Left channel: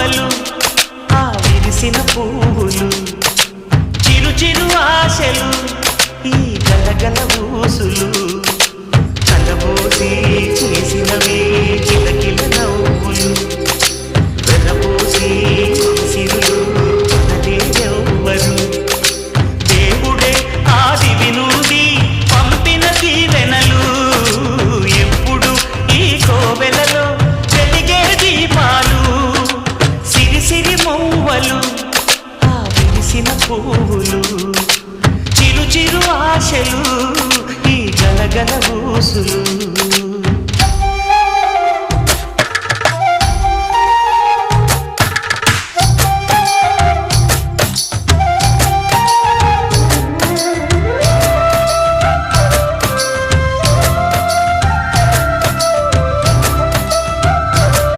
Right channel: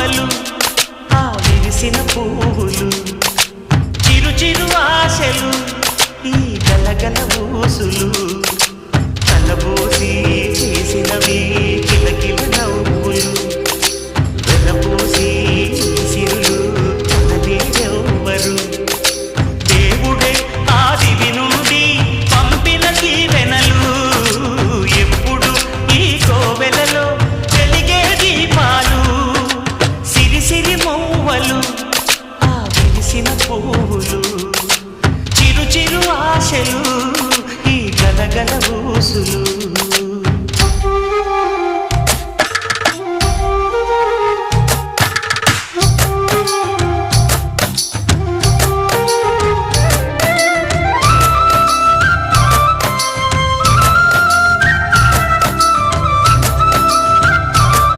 మౌవలు ఆ విరిసిన పువ్వులు చిరు చిరు ఆశలు ఈ గలగల ఊసులు కలబోసి చేసినవి కిలకిల నవ్వులు వెలబోసి సిరులు కొనలేరెవ్వరు దేవుడే ఆదివి నుండి పంపిన దీవెనలు ఎప్పుడు ఈ కోవెలలో వెలిగే దీపాలు సిరి సిరి మౌవలు ఆ విరిసిన పువ్వులు చిరు చిరు ఆశలు ఈ గలగల ఊసులు